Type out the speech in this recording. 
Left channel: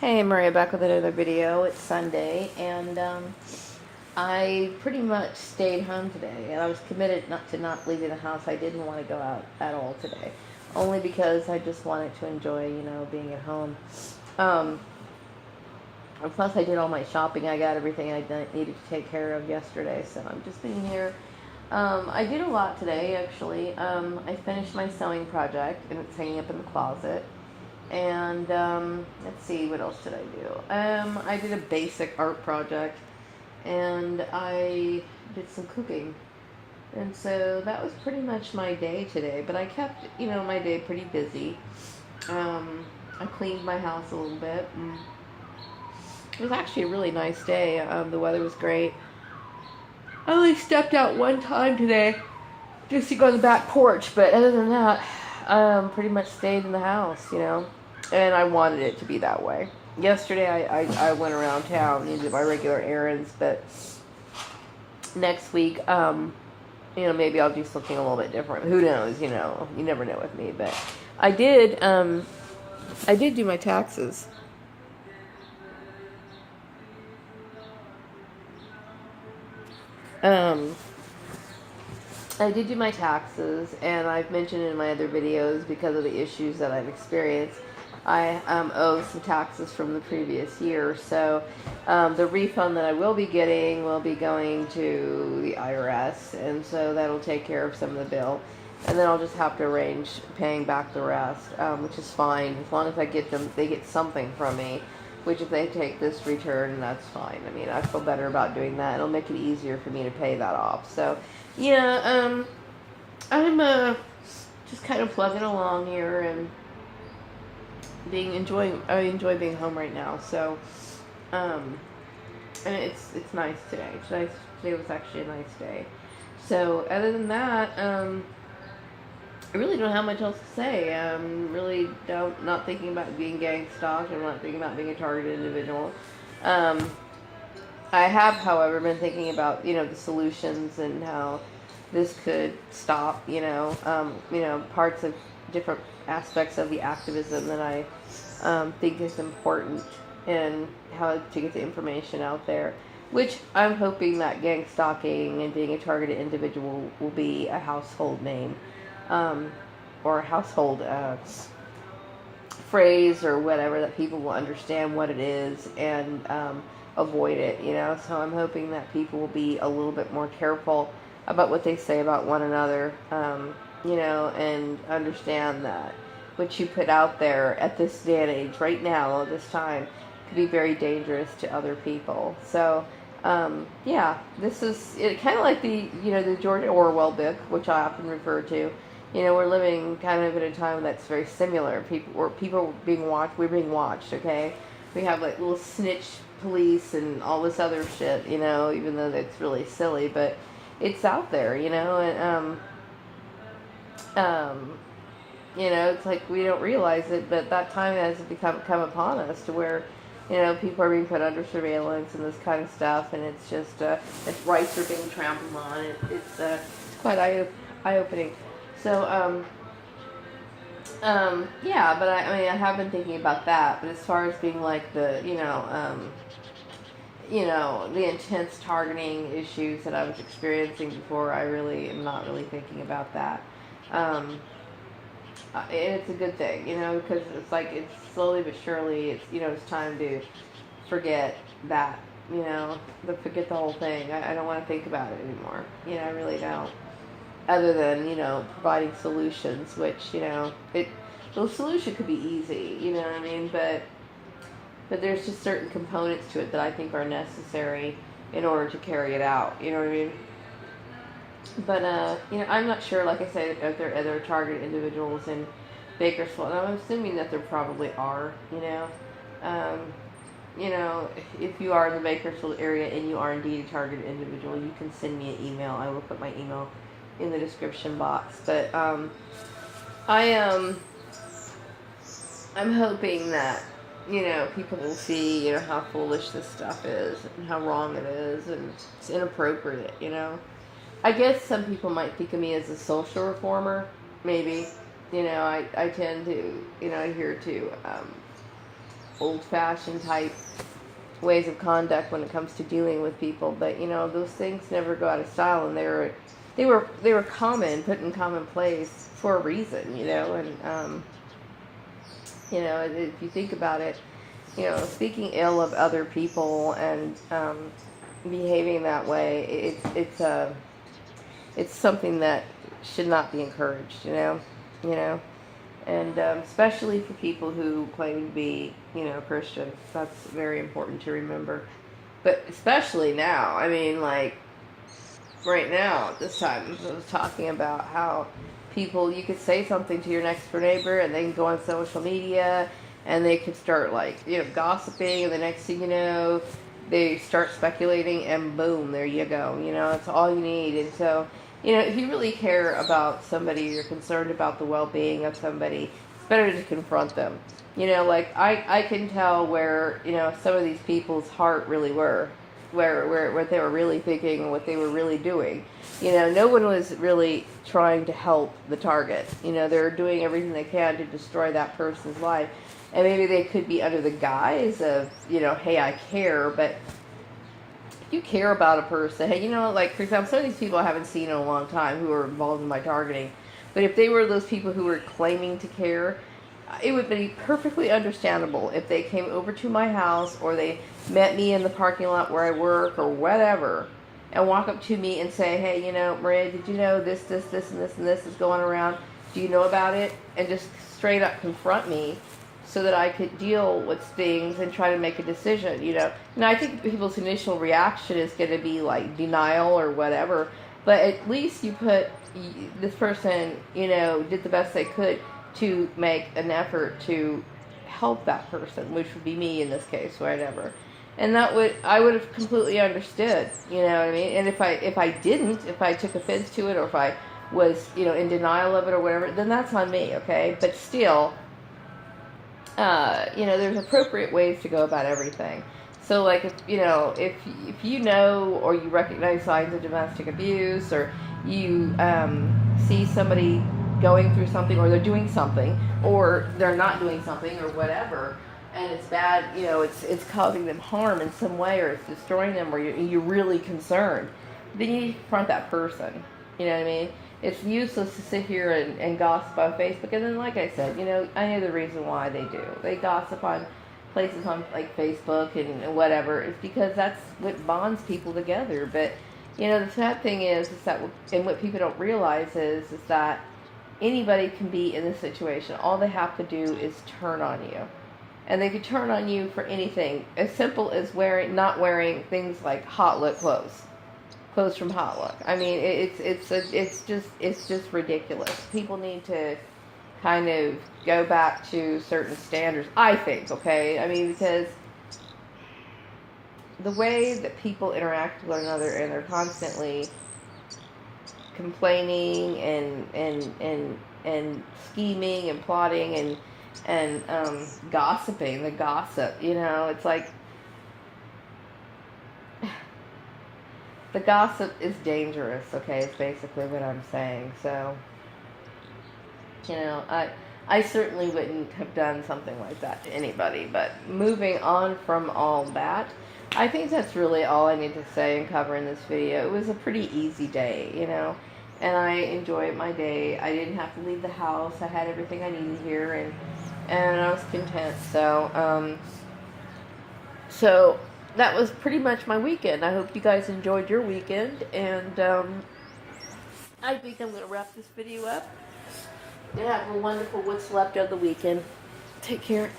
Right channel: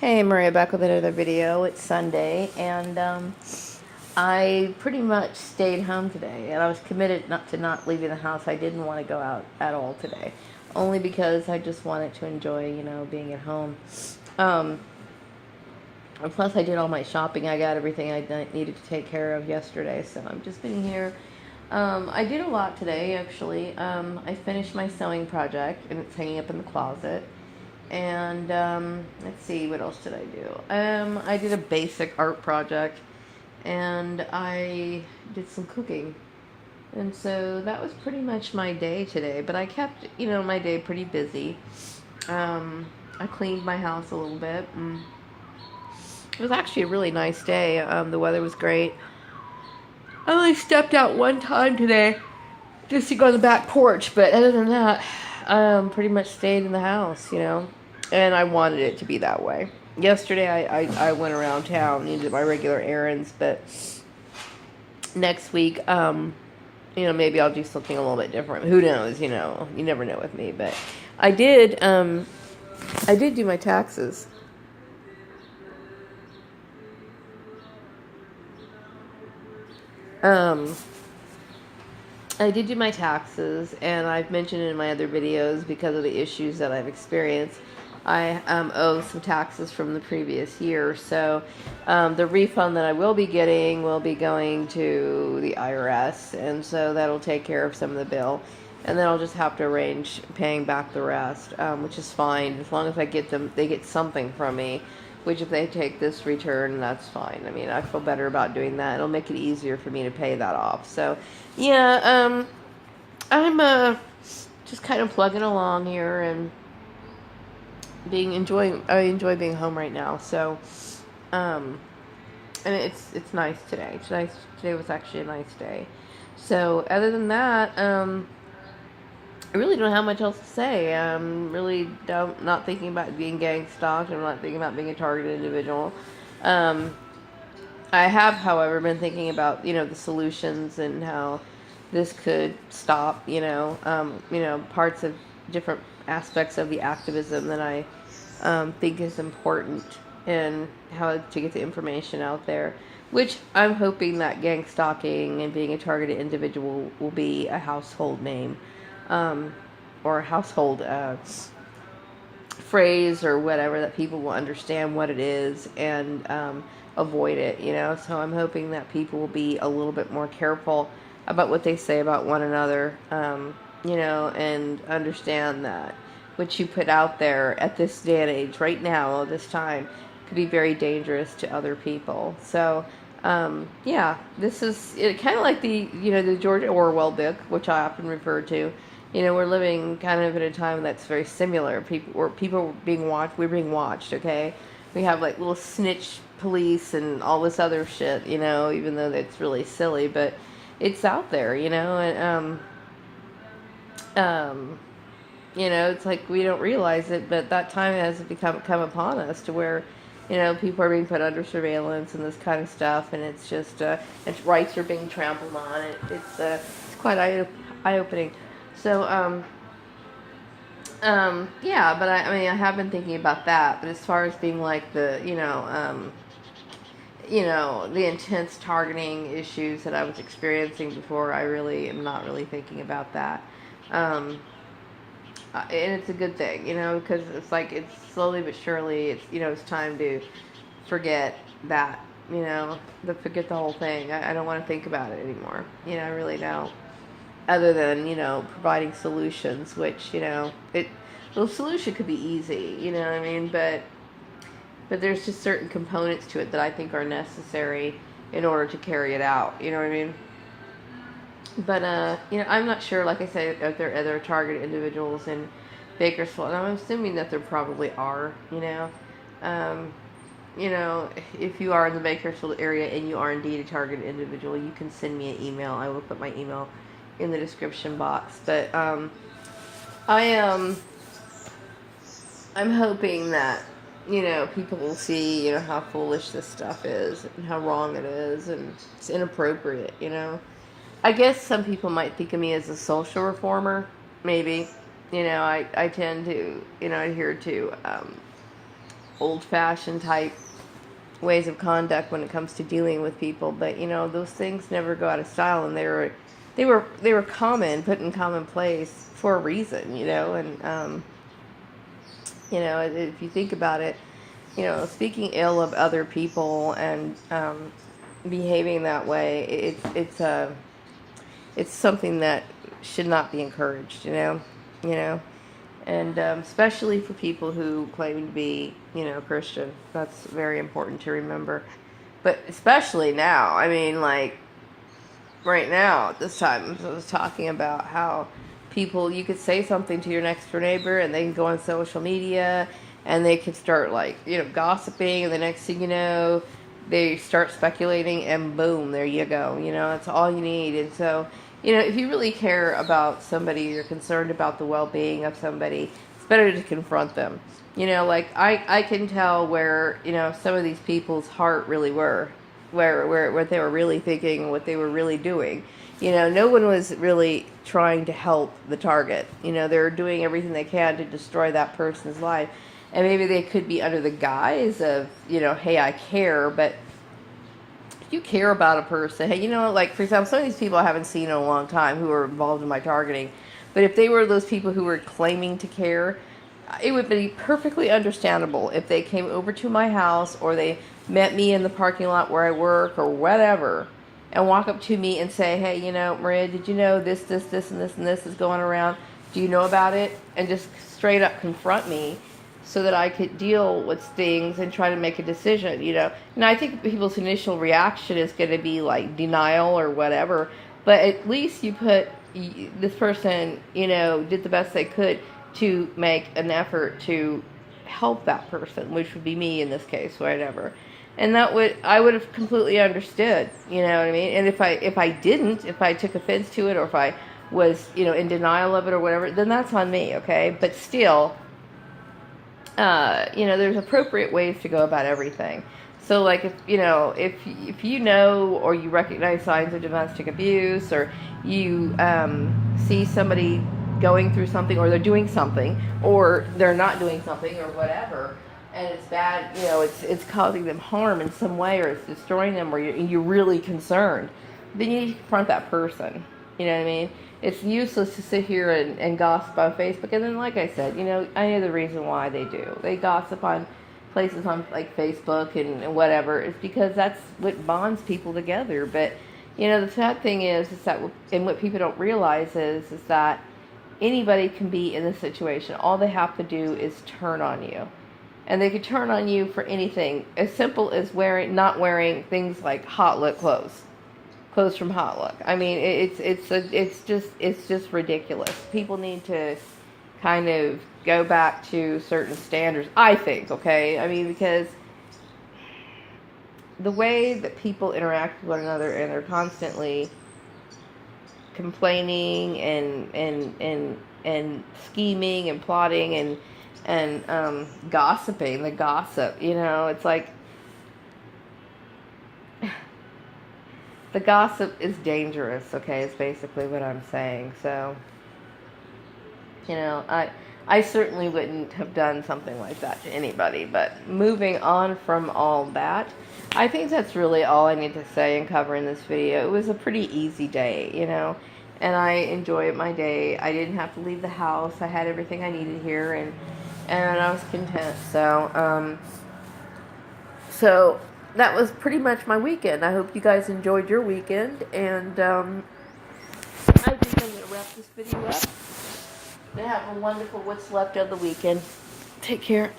Hey, Maria, back with another video. It's Sunday, and I pretty much stayed home today, and I was committed not leaving the house. I didn't want to go out at all today, only because I just wanted to enjoy, being at home. Um, Plus, I did all my shopping. I got everything needed to take care of yesterday, so I'm just been here. I did a lot today, actually. I finished my sewing project, and it's hanging up in the closet. And let's see, what else did I do? I did a basic art project, and I did some cooking. And so that was pretty much my day today. But I kept, my day pretty busy. I cleaned my house a little bit. And it was actually a really nice day. The weather was great. I only stepped out one time today just to go on the back porch, but other than that, pretty much stayed in the house. And I wanted it to be that way. Yesterday, I went around town and did my regular errands, but next week, maybe I'll do something a little bit different. Who knows? You never know with me. But I did do my taxes. Um, I did do my taxes, and I've mentioned in my other videos because of the issues that I've experienced. I owe some taxes from the previous year, so the refund that I will be getting will be going to the IRS, and so that'll take care of some of the bill, and then I'll just have to arrange paying back the rest, which is fine as long as they get something from me. Which, if they take this return, that's fine. I mean, I feel better about doing that. It'll make it easier for me to pay that off. So, yeah, I'm just kind of plugging along here and I enjoy being home right now. So, um, and it's nice today. Today was actually a nice day. So, other than that, I really don't have much else to say. Really not thinking about being gang stalked. I'm not thinking about being a targeted individual. Um, I have, however, been thinking about the solutions and how this could stop. Parts of different aspects of the activism that I think is important, and how to get the information out there. Which I'm hoping that gang stalking and being a targeted individual will be a household name, um, or a household phrase or whatever, that people will understand what it is and avoid it. So I'm hoping that people will be a little bit more careful about what they say about one another, and understand that what you put out there at this day and age, right now, at this time, could be very dangerous to other people. So, yeah, this is kind of like the George Orwell book, which I often refer to. We're living kind of in a time that's very similar. People are being watched. We're being watched. Okay, we have like little snitch police and all this other shit. Even though that's really silly, but it's out there. And it's like we don't realize it, but that time has come upon us to where, people are being put under surveillance and this kind of stuff, and it's just its rights are being trampled on. It's quite eye opening. So, yeah, but I mean, I have been thinking about that. But as far as being like the intense targeting issues that I was experiencing before, I really am not really thinking about that. Um, and it's a good thing, because it's like it's slowly but surely, it's time to forget that, forget the whole thing. I don't want to think about it anymore. I really don't, other than providing solutions, which the solution could be easy, you know what I mean, but there's just certain components to it that I think are necessary in order to carry it out, you know what I mean. But I'm not sure, like I said, if there are other targeted individuals in Bakersfield, and I'm assuming that there probably are. Um, if you are in the Bakersfield area and you are indeed a targeted individual, you can send me an email. I will put my email in the description box. But I I'm hoping that people will see how foolish this stuff is and how wrong it is, and it's inappropriate. I guess some people might think of me as a social reformer. Maybe, I tend to adhere to old-fashioned type ways of conduct when it comes to dealing with people. But those things never go out of style, and they were common, put in commonplace for a reason. And if you think about it, speaking ill of other people and behaving that way, it's something that should not be encouraged. And especially for people who claim to be, Christian. That's very important to remember. But especially now, I mean, like, right now, at this time, I was talking about how people, you could say something to your next door neighbor, and they can go on social media, and they could start, like, gossiping, and the next thing you know, they start speculating, and boom, there you go. That's all you need. And so, if you really care about somebody, you're concerned about the well-being of somebody, it's better to confront them. Like, I can tell where, some of these people's heart really were, where what they were really thinking, what they were really doing. No one was really trying to help the target. They're doing everything they can to destroy that person's life. And maybe they could be under the guise of, hey, I care, but if you care about a person, hey, like, for example, some of these people I haven't seen in a long time who are involved in my targeting, but if they were those people who were claiming to care, it would be perfectly understandable if they came over to my house or they met me in the parking lot where I work or whatever and walk up to me and say, hey, Maria, did you know this, and this is going around? Do you know about it? And just straight up confront me so that I could deal with things and try to make a decision, And I think people's initial reaction is going to be like denial or whatever, but at least you put this person, did the best they could to make an effort to help that person, which would be me in this case, whatever. And I would have completely understood, what I mean? And if I took offense to it, or if I was, in denial of it or whatever, then that's on me, okay? But still, there's appropriate ways to go about everything. So, like, if you know or you recognize signs of domestic abuse, or you see somebody going through something, or they're doing something, or they're not doing something, or whatever, and it's bad, it's causing them harm in some way, or it's destroying them, or you're really concerned, then you need to confront that person. You know what I mean? It's useless to sit here and gossip on Facebook. And then, like I said, I know the reason why they do. They gossip on places on, like, Facebook and whatever. It's because that's what bonds people together. But, the sad thing is that, and what people don't realize is that anybody can be in this situation. All they have to do is turn on you. And they could turn on you for anything. As simple as not wearing things like Hot Look clothes from Hot Look. I mean, it's just ridiculous. People need to kind of go back to certain standards, I think, okay? I mean, because the way that people interact with one another, and they're constantly complaining and scheming and plotting and gossiping, the gossip, it's like, the gossip is dangerous, okay, is basically what I'm saying. So, I certainly wouldn't have done something like that to anybody. But moving on from all that, I think that's really all I need to say and cover in this video. It was a pretty easy day, and I enjoyed my day. I didn't have to leave the house. I had everything I needed here, and I was content. So that was pretty much my weekend. I hope you guys enjoyed your weekend, and I think I'm going to wrap this video up. Have a wonderful what's left of the weekend. Take care.